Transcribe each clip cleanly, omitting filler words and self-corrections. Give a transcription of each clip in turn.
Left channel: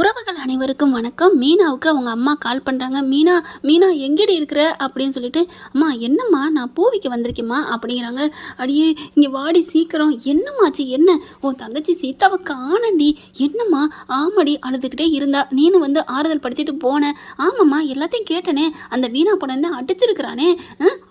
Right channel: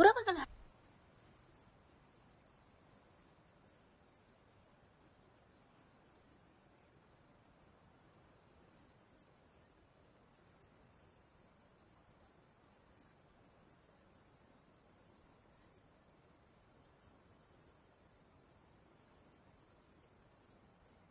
உறவுகள் அனைவருக்கும் வணக்கம். மீனாவுக்கு அவங்க அம்மா கால் பண்ணுறாங்க. மீனா மீனா எங்கடி இருக்கிற அப்படின்னு சொல்லிட்டு, அம்மா என்னம்மா நான் பூவிக்கு வந்திருக்கேம்மா அப்படிங்கிறாங்க. அடியே இங்கே வாடி சீக்கிரம். என்னம்மாச்சு என்ன? உன் தங்கச்சி சீதாவை காணண்டி. என்னம்மா? ஆமாடி அழுதுகிட்டே இருந்தா, நீனு வந்து ஆறுதல் படுத்திட்டு போனேன். ஆமாம்மா எல்லாத்தையும் கேட்டனே. அந்த வீணா பணம் தான் அடிச்சிருக்கிறானே.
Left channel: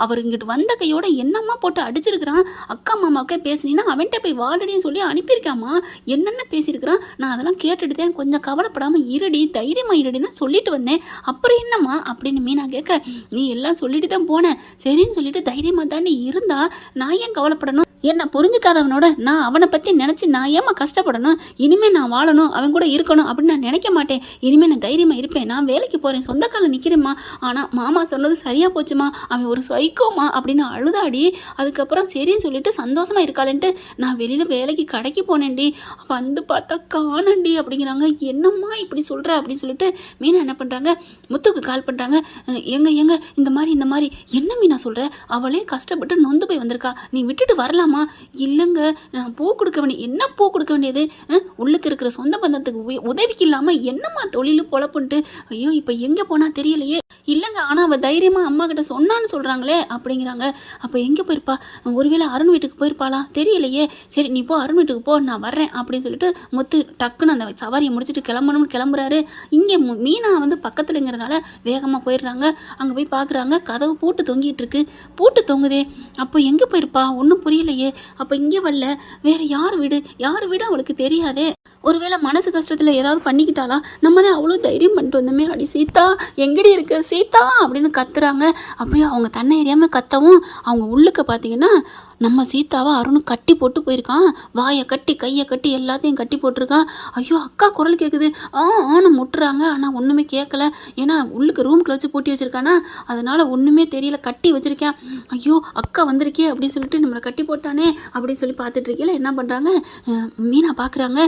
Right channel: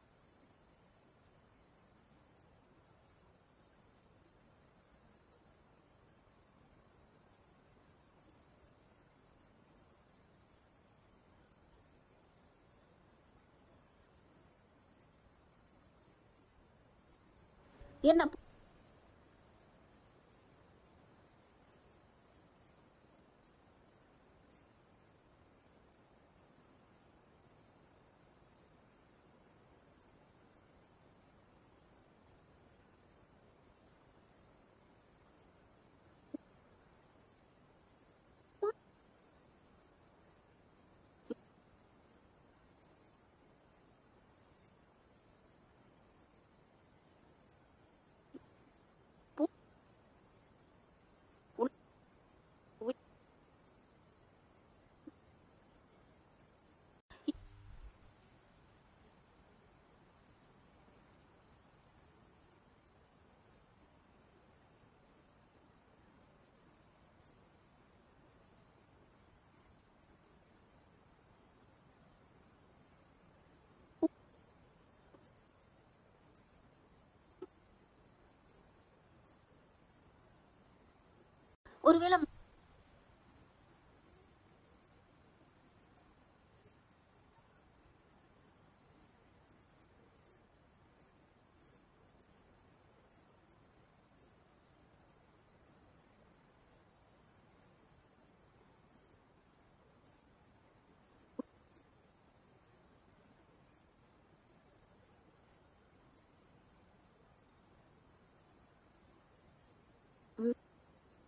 அவர் இங்கிட்டு வந்த கையோட என்னம்மா போட்டு அடிச்சிருக்கிறான். அக்கா மாமாவுக்கே பேசுனீன்னா அவன்கிட்ட போய் வாழடின்னு சொல்லி அனுப்பியிருக்காம்மா. என்னென்ன பேசியிருக்கிறான். நான் அதெல்லாம் கேட்டுட்டு தான் கொஞ்சம் கவலைப்படாமல் இருடி, தைரியமா இருடி தான் சொல்லிட்டு வந்தேன். அப்புறம் என்னம்மா அப்படின்னு மீனா கேட்க, நீ எல்லாம் சொல்லிட்டு தான் போனேன். சரின்னு சொல்லிட்டு தைரியமா தானே இருந்தா நான் ஏன் கவலைப்படணும்? என்ன புரிஞ்சுக்காதவனோட நான் அவனை பற்றி நினச்சி நான் ஏமா கஷ்டப்படணும்? இனிமேல் நான் வாழணும், அவன் கூட இருக்கணும் அப்படின்னு நான் நினைக்க மாட்டேன். இனிமேல் நான் தைரியமாக இருப்பேன். நான் வேலைக்கு போகிறேன், சொந்த காலில் நிற்கிறேம்மா. ஆனால் மாமா சொன்னது சரியாக போச்சுமா, அவன் ஒரு சைக்கோமா அப்படின்னு அழுதாடி. அதுக்கப்புறம் சரின்னு சொல்லிட்டு சந்தோஷமாக இருக்காளேன்ட்டு நான் வெளியில் வேலைக்கு கடைக்கு போனேன்டி. வந்து பார்த்தா காணண்டி அப்படிங்கிறாங்க. என்னம்மா இப்படி சொல்கிற அப்படின்னு சொல்லிட்டு மீனா என்ன பண்ணுறாங்க, முத்துக்கு கால் பண்ணுறாங்க. எங்க இந்த மாதிரி என்ன மீனா சொல்கிற? அவளே கஷ்டப்பட்டு நொந்து போய் வந்திருக்கா, நீ விட்டுட்டு வரலாம்? இல்லைங்க, நான் பூ கொடுக்க வேண்டிய என்ன பூ கொடுக்க வேண்டியது? உள்ளுக்கு இருக்கிற சொந்த பந்தத்துக்கு உதவிக்கு இல்லாமல் என்னம்மா தொழிலும் பொழப்புன்ட்டு. ஐயோ இப்போ எங்கே போனால் தெரியலையே. இல்லைங்க, ஆனால் அவள் தைரியமாக அம்மா கிட்ட சொன்னான்னு சொல்கிறாங்களே அப்படிங்கிறாங்க. அப்போ எங்கே போயிருப்பா? ஒருவேளை அருண் வீட்டுக்கு போயிருப்பாளா தெரியலையே. சரி நீ போ, அருண் வீட்டுக்கு போ, நான் வர்றேன் அப்படின்னு சொல்லிட்டு முத்து டக்குன்னு அந்த சவாரியை முடிச்சுட்டு கிளம்பணும்னு கிளம்புறாரு. இங்கே மீனா வந்து பக்கத்துலங்கிறதுனால வேகமாக போயிடுறாங்க. அங்கே போய் பார்க்குறாங்க, கதவு பூட்டு தொங்கிட்டு இருக்கு. பூட்டு தொங்குதே. அப்போ எங்கே போயிருப்பா? ஒன்றும் புரியலையே. அப்போ இங்கே வரல, வேற யார் வீடு அவளுக்கு தெரியாதே. ஒருவேளை மனசு கஷ்டத்தில் ஏதாவது பண்ணிக்கிட்டாளா? நம்ம தான் அவ்வளோ தைரியம் பண்ணிட்டு வந்தோமே. அடி சீதா எங்கடி இருக்கு சீதா அப்படின்னு கத்துறாங்க. அப்படியே அவங்க தன்னை எறியாமல் கத்தவும் அவங்க உள்ளுக்க பார்த்தீங்கன்னா நம்ம சீதாவை அருண் கட்டி போட்டு போயிருக்கான். வாயை கட்டி கையை கட்டி எல்லாத்தையும் கட்டி போட்டிருக்கான். ஐயோ அக்கா குரல் கேட்குது. ஆன்னு முட்டுறாங்க. ஆனால் ஒன்றுமே கேட்கல. ஏன்னா உள்ளுக்கு ரூம்குள்ள வச்சு பூட்டி வச்சுருக்கானா, அதனால் ஒன்றுமே தெரியல. கட்டி வச்சுருக்கேன். ஐயோ அக்கா வந்திருக்கே அப்படின்னு சொல்லிட்டு நம்மளை கட்டி போட்டானே அப்படின்னு சொல்லி பார்த்துட்டு இருக்கீங்களா. என்ன பண்ணுறாங்க, மீனா பார்க்குறாங்க.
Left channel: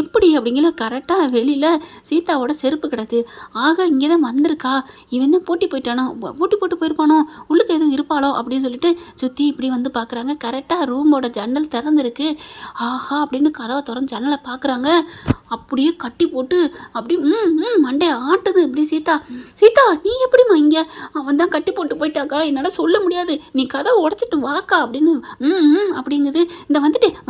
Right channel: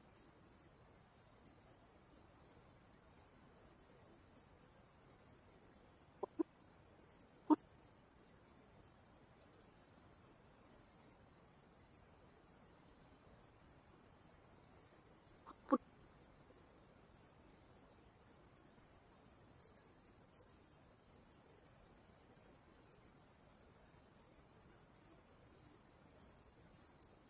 எப்படி அப்படிங்கிற கரெக்டாக வெளியில் சீதாவோட செருப்பு கிடக்கு. ஆக இங்கே தான் வந்திருக்கா, இவன் தான் பூட்டி போயிட்டானோ, பூட்டி போட்டு போயிருப்பானோ, உள்ளுக்கு எதுவும் இருப்பாளோ அப்படின்னு சொல்லிட்டு சுற்றி இப்படி வந்து பார்க்குறாங்க. கரெக்டாக ரூமோட ஜன்னல் திறந்துருக்கு. ஆஹா அப்படின்னு கதவை திறந்து ஜன்னலை பார்க்குறாங்க. அப்படியே கட்டி போட்டு அப்படி மண்டே ஆட்டுது. இப்படி சீதா நீ எப்படிம்மா இங்கே? அவன் தான் கட்டி போட்டு போயிட்டாக்கா, என்னால் சொல்ல முடியாது, நீ கதவை உடச்சிட்டு வாக்கா அப்படின்னு அப்படிங்குது. இந்த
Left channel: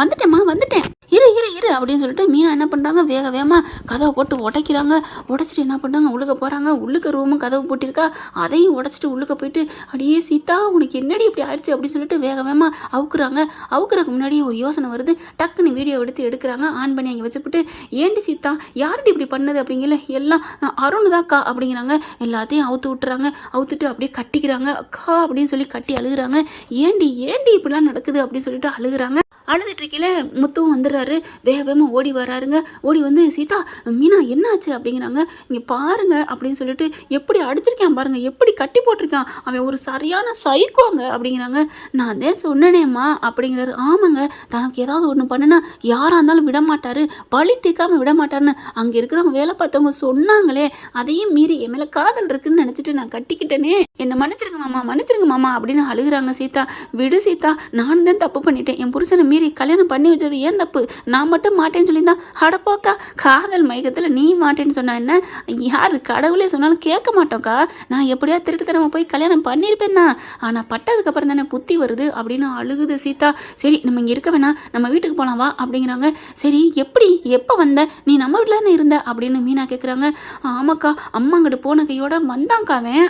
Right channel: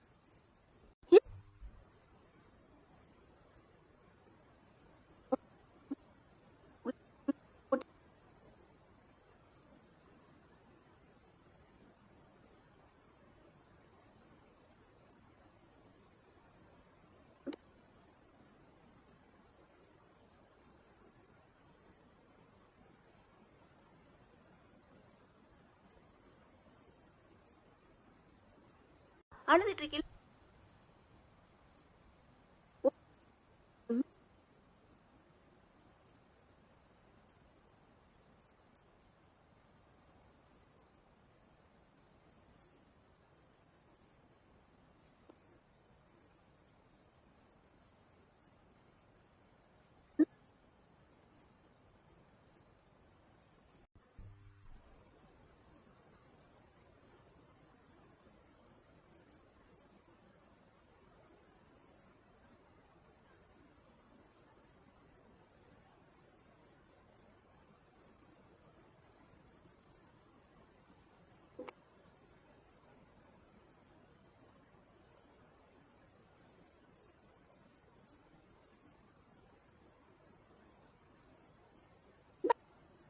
வந்துட்டேம்மா வந்துட்டேன், இரு அப்படின்னு சொல்லிட்டு மீனா என்ன பண்ணுறாங்க, வேகமாக கதவை போட்டு உடைக்கிறாங்க. உடைச்சிட்டு என்ன பண்ணுறாங்க, உள்ளுக்க போகிறாங்க. உள்ளுக்க ரூமும் கதவு போட்டிருக்கா, அதையும் உடைச்சிட்டு உள்ளுக்க போயிட்டு அடியே சீதா உனக்கு என்னடி இப்படி ஆயிடுச்சு அப்படின்னு சொல்லிட்டு வேகமாக அவுக்குறதுக்கு முன்னாடியே ஒரு யோசனை வருது. டக்குன்னு வீடியோ எடுக்கிறாங்க. ஆன் பண்ணி அங்கே வச்சுக்கிட்டு, ஏண்டி சீதா யார்டி இப்படி பண்ணது அப்படிங்கல, எல்லாம் அருண் தான்க்கா அப்படிங்கிறாங்க. எல்லாத்தையும் அவுத்து விட்டுறாங்க. அவுத்துட்டு அப்படியே கட்டிக்கிறாங்க. அக்கா அப்படின்னு சொல்லி கட்டி அழுகுறாங்க. ஏண்டி இப்படிலாம் நடக்குது அப்படின்னு சொல்லிட்டு அழுகுறாங்க. அழுதுட்டு இருக்கீங்களே முத்துவும் வந்துடுறாரு. வேகமாக ஓடி வராருங்க. ஓடி வந்து சீதா மீனா என்னாச்சு அப்படிங்கிறாங்க. இங்கே பாருங்க அப்படின்னு சொல்லிட்டு, எப்படி அடிச்சிருக்கான் பாருங்க, எப்படி கட்டி போட்டிருக்கான், அவன் ஒரு சரியான சைக்கோங்க அப்படிங்கிறாங்க. நான் தான் சொன்னேனேம்மா அப்படிங்கிறாரு. ஆமாங்க, தனக்கு ஏதாவது ஒன்று பண்ணுனா யாராக இருந்தாலும் விடமாட்டாரு, பழி தீர்க்காமல் விடமாட்டாருன்னு அங்கே இருக்கிறவங்க வேலை பார்த்தவங்க சொன்னாங்களே. அதையும் மீறி என் மேலே காதல் இருக்குன்னு நினச்சிட்டு நான் கட்டிக்கிட்டேனே, என்னை மன்னிச்சிருங்க மாமா அப்படின்னு அழுகுறாங்க. சீதா விடு சீதா, நான் தான் தப்பு பண்ணிட்டேன், என் புருஷனை மீறி கல்யாணம் பண்ணி வச்சது ஏன் தப்பு, நான் மட்டும் மாட்டேன்னு சொல்லியிருந்தா அடப்போக்கா, காதல் மயக்கத்தில் நீ மாட்டேன்னு சொன்னா என்ன, யார் கடவுளே சொன்னாலும் கேட்க மாட்டோக்கா, நான் எப்படியா திருட்டுத்தனமா போய் கல்யாணம் பண்ணியிருப்பேன் தான், ஆனால் பட்டதுக்கப்புறம் தானே புத்தி வருது அப்படின்னு அழுகுது சீதா. சரி நம்ம இங்கே இருக்க வேணாம், நம்ம வீட்டுக்கு போகலாம் வா அப்படிங்கிறாங்க. சரி எப்போ வந்த, நீ நம்ம வீட்டில் தானே இருந்த அப்படின்னு மீனா கேட்குறாங்க. ஆமாக்கா, அம்மா அங்கிட்டு போன கையோட வந்தாங்காவன்.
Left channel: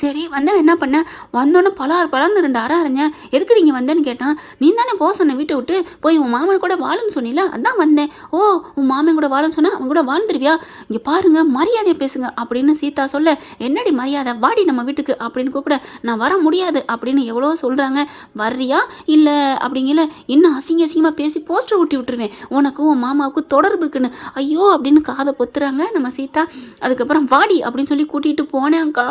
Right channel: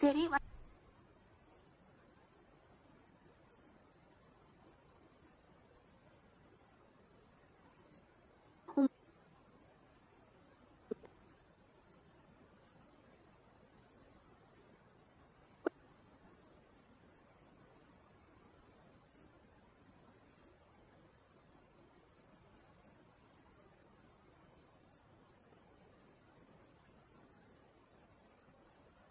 சரி வந்தேன், என்ன பண்ண, வந்தோன்னே பலான்னு 2 அரை அரைஞ்சேன். எதுக்கு நீங்கள் வந்தேன்னு கேட்டான். நீ தானே போக சொன்ன வீட்டை விட்டு, போய் உன் மாமன் கூட வாழுன்னு சொன்னில, அதான் வந்தேன். ஓ உன் மாமன் கூட வாழுன்னு சொன்னால் அவன் கூட வாழ்ந்துருவியா, இங்கே பாருங்க மரியாதையை பேசுங்க அப்படின்னு சீதா சொல்ல, என்னடி மரியாதை, வாடி நம்ம வீட்டுக்கு அப்படின்னு கூப்பிட, நான் வர முடியாது அப்படின்னு எவ்வளோ சொல்கிறாங்க. வர்றியா இல்லை அப்படிங்கல, இன்னும் அசிங்கமாக பேசி போஸ்டர் ஊட்டி விட்டுருவேன், உனக்கும் உன் மாமாவுக்கும் தொடர்பு இருக்குன்னு. ஐயோ அப்படின்னு காதை பொத்துறாங்க நம்ம சீதா. அதுக்கப்புறம் வாடி அப்படின்னு சொல்லி கூட்டிகிட்டு போனேன்க்கா.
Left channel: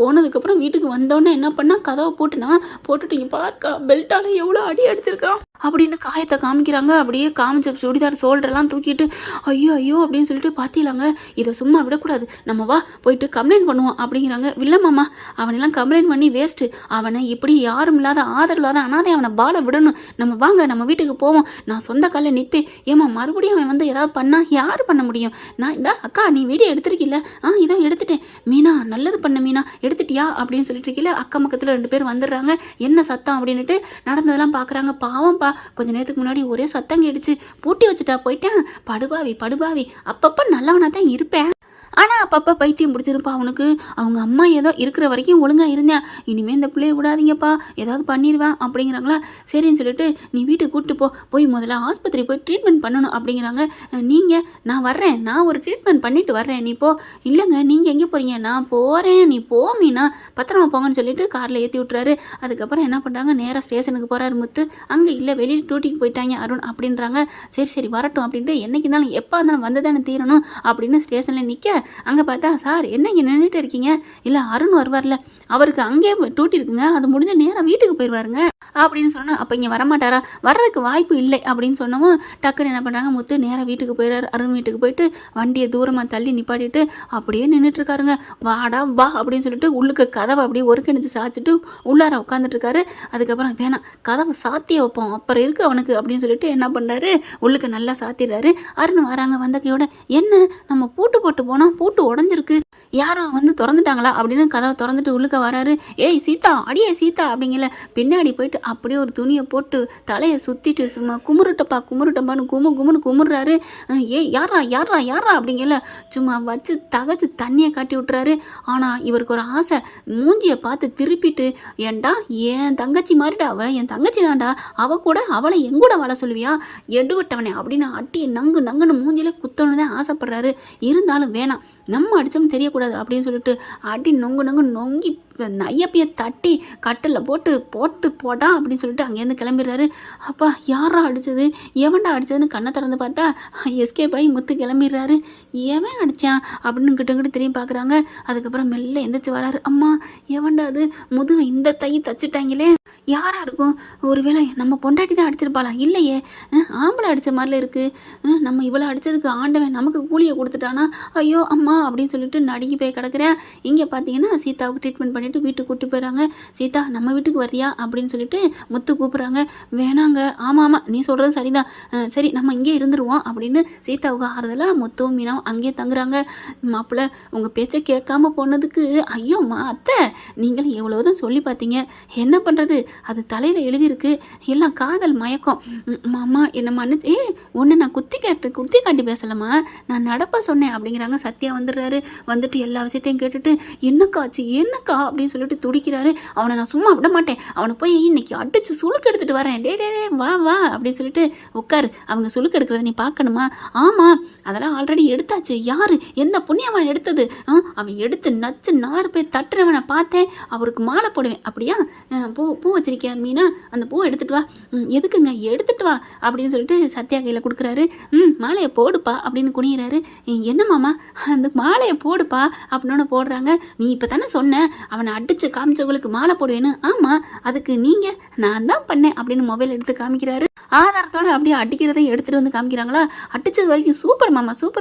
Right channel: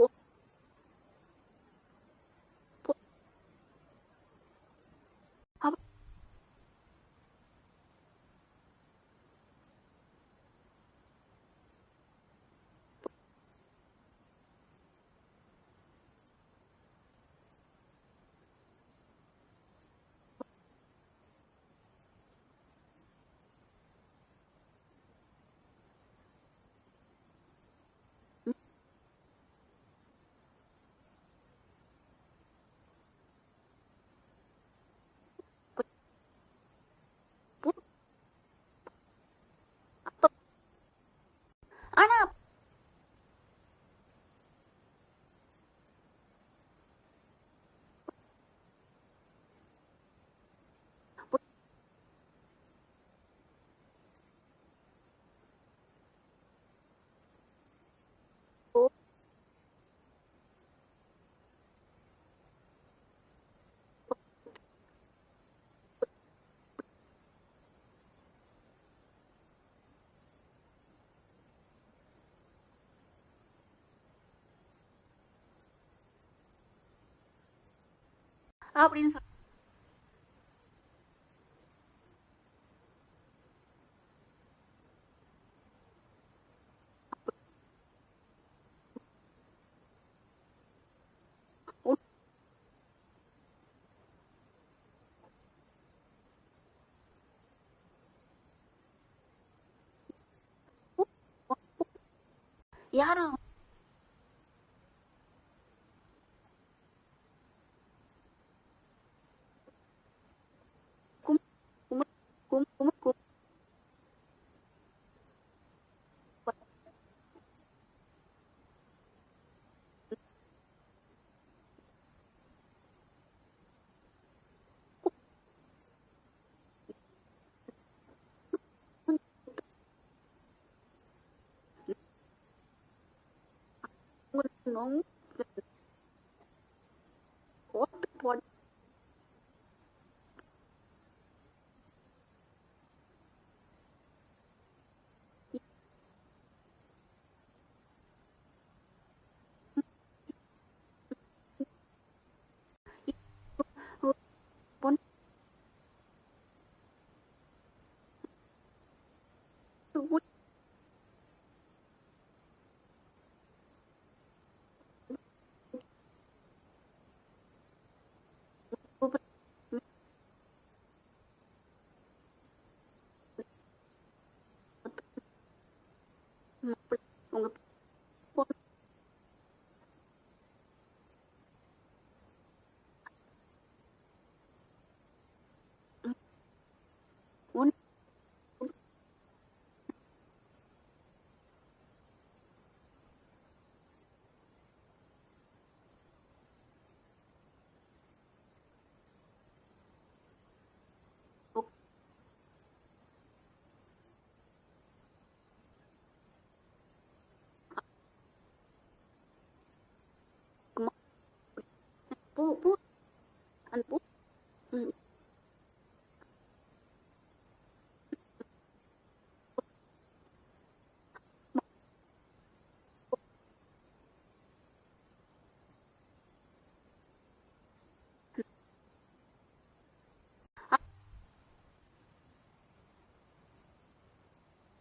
போனதுக்கப்புறம் வீட்டுக்கு வந்தோடனே என்ன பண்ணா, கதவை போட்டுட்டு இங்கே பார்க்கா பெல்ட்டால் எவ்வளோ அடி அடிச்சிருக்கான். அப்படின்னு காயத்தை காமிக்கிறாங்க. அப்படியே காமிச்ச சுடிதார் ஷோல்டர்லாம் தூக்கிட்டு ஐயோ ஐயோ அப்படின்னு சொல்லிட்டு பார்த்திலாங்க, இதை சும்மா விடக்கூடாது, நம்ம வா போயிட்டு கம்ப்ளைண்ட் பண்ணுவோம் அப்படிங்கிறாங்க. இல்லை மாமா, அவனெல்லாம் கம்ப்ளைண்ட் பண்ணி வேஸ்ட்டு, அவனை இப்படி யாரும் இல்லாத ஆதரவு இல்லாத அனாதை அவனை பால விடணும், நம்ம வாங்க நம்ம வீட்டுக்கு போவோம், நான் சொந்த காலில் நிற்பேன். ஏமா மறுபடியும் அவன் வந்து ஏதாவது பண்ணால் யார் பண்ண முடியும்? நான் இந்த அக்கா நீ வீடியோ எடுத்துருக்கில்ல, இதோ எடுத்துட்டேன் மீனா, நல்லது பண்ண மீனா, எடுத்துட்டியா அப்படின்னு சொல்லிட்டு இருக்கல. அக்கம் பக்கத்தில் 2 பேர் வந்துடுறாங்க. என்ன சத்தம் அப்படின்ட்டு நடந்ததெல்லாம் பார்க்குறாங்க. பாவம்ப்பா, கொஞ்ச நேரத்துக்கு முன்னாடி ஒரே சத்தம் கேட்டுச்சு, பூட்டி வச்சுட்டா போயிட்டேன், படுபாவி படுபாவி, அப்பப்போ நல்லவனாக தான் இருப்பேன், ஆனால் அப்பப்போ பைத்தியம் பிடிச்சிருப்பா அவனுக்கு. அவங்க அம்மா ஏதோ இருக்கிற வரைக்கும் ஒழுங்காக இருந்தேன், இனிமேல் இந்த பிள்ளைய விடாதீங்கப்பா, ஏதாவது பண்ணிடுவேன் அப்படிங்கிறாங்களா. சரின்னு சொல்லிட்டு நீ வீட்டுக்கு கூப்பிட்டு போய் முதல்ல ஆஸ்பத்திரி போய் ட்ரீட்மெண்ட் பண்ணணும் அப்படிங்கிறாங்க. நீங்கள் நான் வர்றேன், நான் ஒரு ட்ரீட்மெண்ட் பண்ணிட்டு வர்றேன், நீ போ. இல்லைங்க நீங்கள் எங்கே போகிறீங்க? நான் போகிறேன், நீ போ மீனா, பத்திரமா போங்கன்னு சொல்லிட்டு காரில் ஏற்றி விட்டுறாரு. அதுக்கப்புறம் என்ன பண்ணுறாங்க, நேராக ஸ்டேஷனுக்கு போகிறாரு முத்து. அங்கே இல்லை, வெளியில் டியூட்டிக்கு போயிட்டாங்க அருண் அப்படின்றாங்க. சரி சரி வரட்டும் அப்படின்ட்டு, என்னைக்கு இருந்தாலும் எப்போ இருந்தாலும் வந்து தானே தீரணும் அப்படின்னு ஸ்டேஷனில் நிற்க, அங்கே பார்த்தா சார் என்ன இங்கே நின்றுட்டு இருக்கீங்க? இல்லை அருண் வருவார்ல, அவருக்கு அங்கேயே டியூட்டி இருக்குங்க, அது முடிஞ்ச நேரம் வீட்டுக்கு போயிடுவாருங்க அப்படின்னு சொன்னால், அப்போ இங்கே வரமாட்டாரா? வர்றதுக்கு வாய்ப்பு இல்லை அப்படின்னு சொன்னவும் டக்குன்னு என்ன பண்ணுறாங்க, முத்து நேராக வீட்டுக்கு போயிடுறாரு. அருண் வீட்டுக்கு போயிட்டு வண்டியை தூரமாக தள்ளி நிப்பாட்டிட்டு அப்படியே நின்றுட்டுருக்காருங்க. வாடா வா அப்படின்னு சொல்லிட்டு உள்ளுக்கு கதவை அப்படியே ஒருங்கிணைச்சு சாய்ச்சிட்டு உள்ளார உட்காந்துட்ருக்காரு. அதுக்கப்புறம் வேணாம், கதவை சாத்தியே வைப்போம், அப்புறம் இருக்கு அவனுக்கு அப்படின்னு சொல்லிட்டு என்ன பண்ணுறாரு, உள்ளுக்கு நல்லா சாத்திடுறாரு. அருண் வராங்க. வந்த கையோட என்ன நம்ம பூட்டு போட்டு போனால் பூட்டு உடஞ்சிருக்கு, யாரும் வந்து திறந்துட்டாங்களா அப்படின்னு கதவை திறந்துட்டு உள்ளுக்க வராரு. ஏய் சீதா, அடியே சீதா அப்படிங்கல. பின்னாடி போயிட்டு அப்படியே ஒரு துணியை போட்டு தலையை சுற்றிட்டு சும்மா குமுருட்டப்பான்னு குமுன்னு குமுறாரு. ஏய் யாரா யாரா யாரா அப்படிங்கல சும்மா வச்சு தகச்சு தண்ணியை காட்டி விட்டுறாரு. ஆனால் இவருக்கு ஒரு ஆசை, மூஞ்சியை பார்த்து திருப்பிட்டு, ஏன்டா என் தங்கச்சி மாதிரிடா அவள், என் தங்கச்சி தான்டா, அவள் கூட அவளை எங்கூட வாழ சொல்லுவியா, எடுவட்டவனே அப்படின்னு அட்டி நங்குன்னு மூஞ்சிலே குத்தணுன்னு தான் ஆசைப்படுறாரு. இருந்தாலும் வேணாம், நம்ம அடித்தோம்னு தெரியக்கூடாது அப்படின்னு சொல்லிட்டு அடி நொங்கி நையப்பையை தட்டி கட்டில் போட்டா அப்படின்னு சொல்லிட்டு அங்கேருந்து கிளம்பிடுறாரு. அப்பா யாரா அடித்தது, எவன்டா அடித்ததுன்னு கண்ணை திறந்து பார்த்தா எஸ்கேப் ஆகி முத்து கிளம்பிடுறாரு. எவன் அடித்தான் அப்படின்னு கிட்ட திரும்பி பார்க்குறாங்க. அதுக்கப்புறம் மெல்ல எந்திரிச்சு வராரு. அம்மா எவன்டா அது, முதுகு இந்த தச்சுட்டாங்களே, யாராக இருக்கும், ஒருவேளை நம்ம பொண்டாட்டி தான் அடிச்சிருப்பாளா? இல்லையே, ஆம்பளை அடித்த மாதிரில இருக்குது, நம்ம இவ்வளோ அடித்ததுக்கு ஆண்டவன் நமக்கு கூலியை கொடுத்துட்டானா, ஐயோ அம்மா அப்படின்னு சொல்லிட்டு நடுங்கி போய் கிடக்கிறேன். இங்கே பார்த்தீங்கன்னா சீதாவுக்கு ட்ரீட்மெண்ட் பண்ணிவிட்டு வீட்டுக்கு கூட்டி போயிடறாங்க. சீதா நம்ம வீட்டுக்கு வரியா அப்படின்னு சொல்லிட்டு முத்து கூப்பிட்றாங்க. வேணாங்க, ஆமாம் நீ சொல்கிறது சரிதான், சரி நம்ம இங்கே இருந்துருவோம் அப்படின்னு சீதாவுக்கு ஆறுதலாக முத்துவும் மீனாவும் அங்கேயே தங்குறாங்க. மாப்பிள்ளை உங்கள் பேச்சை கேட்காம போனதுக்கு ஐயோம்மா அத்தை, நீங்களும் எவ்வளோதான் சொல்லி பார்த்தீங்க, என்ன பண்ணுறது, அது தலையில் எழுதியிருக்கு, எல்லாம் காதல் மயக்கம். மாமா என்னை மன்னிச்சு, ஒன்று நான் குத்தி காட்டி பேசலாமா, நான் நடப்பா சொன்னேன் அப்படிங்கிறாங்க. சத்யா வந்துடுறாரு. வந்துட்டு எல்லா விஷயத்தையும் கேட்டுட்டு என்னக்கா அப்படின்னு சொல்லிட்டு துடிக்கிறாரு. அவனை நான் சும்மா விட மாட்டேன், அவனை போய் இன்னைக்கு அடிச்சு சுளுக்கு எடுத்துகிட்டு வரேன், டே வா அப்படின்னு சொல்லிட்டு உட்காரு, அவங்க சுளுக்கு எடுக்கிறத நீ பார்க்கணுமா? ஆமாம் அதெல்லாம் ஆல்ரெடி எடுத்தாச்சு, யார் எந்த புண்ணியவன் எடுத்தது, அவன் எடுத்து நச்சு 4 பேர் தட்டுறவனை பார்த்தேன், அவருக்கு மாலை போடுவேன், அப்படியா பூ வச்சிருக்கியா மீனா, அந்த பூவை எடுத்துகிட்டு வா. எதுக்குங்க, எடுத்துகிட்டு வா அப்படின்னு சொல்லிட்டு சத்யா கையில் கொடுக்குறாரு. மாலையை போடுப்பா அப்படின்னு குனிகிறாரு. என்ன மாமா, அந்த மாலையை போடுப்பா அப்படின்னு போடுறாங்க. நீ இப்போ தானே சொன்ன அவனை அடித்து காமிச்சவங்களுக்கு மாலை போடுவேன்னு, ஆமாம் அதுக்கு நீங்கள் நான் தான் பண்ணேன் அப்படின்னு மொபைல் எடுத்து காமிக்கிறாரு. ஆதாரத்தோடு அப்படியே அடிக்கிறதையும் எடுத்துகிட்டு வந்து காமிக்கிறாங்களா. அடித்தது வரைக்கும் சூப்பர்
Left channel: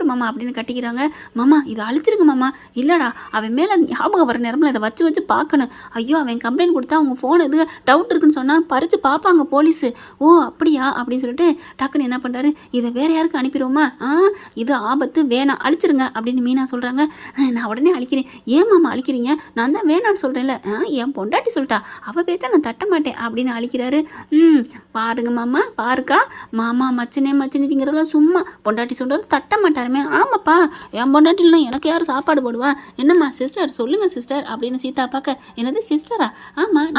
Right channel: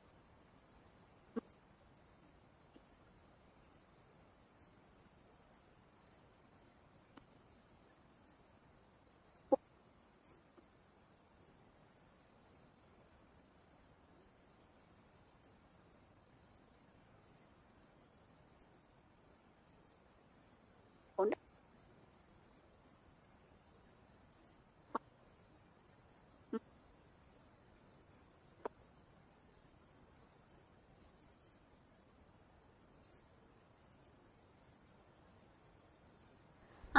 மாமா அப்படின்னு கட்டிக்கிறாங்க. மாமா இதை அழிச்சிருங்க மாமா. இல்லைடா, அவன் மேலே ஞாபகம் வர நேரமில் இதை வச்சு பார்க்கணும். ஐயோ அவன் கம்ப்ளைண்ட் கொடுத்தா அவங்க ஃபோன் எது டவுட் இருக்குன்னு சொன்னால் பறித்து பார்ப்பாங்க போலீஸு. ஓ அப்படியா அப்படின்னு சொல்லிட்டு டக்குன்னு என்ன பண்ணுறாரு, இதை வேறு யாருக்கு அனுப்பிடுவோமா, இது ஆபத்து, வேணாம் அழிச்சிருங்க அப்படின்னு மீனா சொல்கிறாங்க. நான் உடனே அழிக்கிறேன். ஏன் மாமா அழிக்கிறீங்க, நான் தான் வேணான்னு சொல்கிறேன்ல, என் பொண்டாட்டி சொல்லிட்டா, அவள் பேச்சா நான் தட்ட மாட்டேன் அப்படின்னு அழிக்கிறாரு. பாருங்க மாமா, பாருக்கா மாமா மச்சினிங்கிறதெல்லாம் சும்மா, பொண்டாட்டி சொல்கிறது தட்ட மாட்டாருமே. ஆமாப்பா, என் பொண்டாட்டிலாம் எனக்கு யார் சாப்பாடு போடுவா, என்னம்மா சிஸ்டர் சொல்லுங்கள் சிஸ்டர் அப்படின்னு சீதா பார்க்க, என்னது சிஸ்டரா, ஆமாம்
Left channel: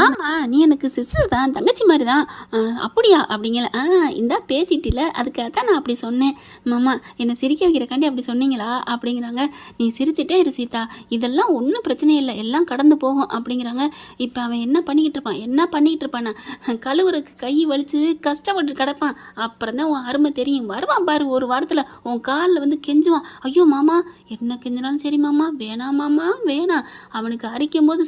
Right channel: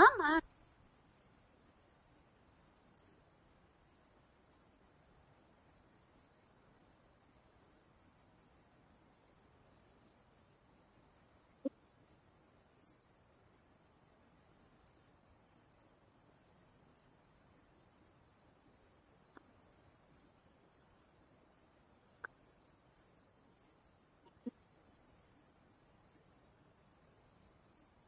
நீ எனக்கு சிஸ்டர் தான், தங்கச்சி மாதிரி தான், அப்படியா அப்படிங்கல, இந்தா பேசிட்டில, அதுக்காக தான் நான் அப்படி சொன்னேன். மாமா என்னை சிரிக்க வைக்கிறக்காண்டி அப்படி சொன்னீங்களா அப்படிங்கிறாங்க. நீ சிரிச்சிட்டே இரு சீதா, இதெல்லாம் ஒன்றும் பிரச்சனை இல்லை, எல்லாம் கடந்து போகும் அப்படிங்கிறாங்க. இப்போ அவன் என்ன பண்ணிக்கிட்டு இருப்பான், கழுவுறக்கு கை வலிச்சு கஷ்டப்பட்டு கஷ்டப்பட்டு கிடப்பான். அப்புறம் தான் உன் அருமை தெரியும். வருவான் பாரு ஒரு வாரத்தில் உன் காலில் வந்து கெஞ்சுவான். ஐயோ மாமா, என்ன கெஞ்சினாலும் சரி மாமா, வேணாம் மாமா வேணாம். அவனுக்கு அரிக்கும் போது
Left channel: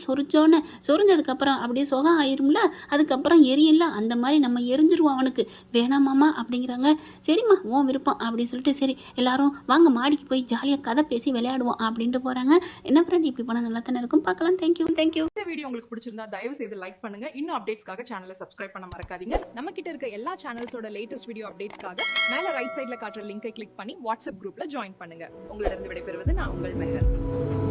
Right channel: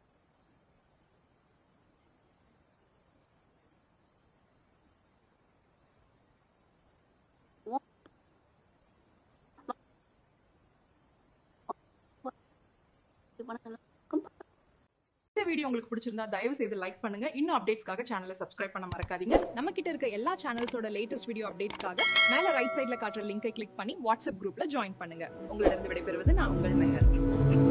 சொரிஞ்சதுக்கப்புறம் அப்படியே சுகம் ஆயிரும்ல, அதுக்கப்புறம் எரியும்ல, அந்த மாதிரி நம்ம எரிஞ்சிருவோம் அவனுக்கு. வேணாம் மாமா அப்படிங்கிறாங்க. சரிம்மா உன் விருப்பம் அப்படின்னு சொல்லிட்டு சரி எல்லாரும் வாங்க மாடிக்கு போய் ஜாலியாக கதை பேசி விளையாடுவோம் அப்படின்ட்டு போகிறாங்க. என்ன ஃப்ரெண்ட் இப்படி போனால் நல்லா தானே இருக்கும். பார்க்கலாம். தேங்க்யூ. இந்த வீடியோ உங்களுக்கு பிடிச்சிருந்தா தயவு செய்து லைக் பண்ணுங்க. இன்னும் அப்டேட்ஸ்க்காக சேனலை சப்ஸ்கிரைப் பண்ண மறக்காதீங்க. நம்ம கிட்ட இருக்க எல்லா சேனல்ஸோட லேட்டஸ்ட் வீடியோ அப்டேட்ஸ்க்காக மேல ரைட் சைடுல காட்டுற லிங்கை கிளிக் பண்ணி வாட்ஸ்அப் குரூப்ல ஜாயின் பண்ணுங்க. உங்களிடம் விடைபெறுவது நான் உங்கள் மெஹர்.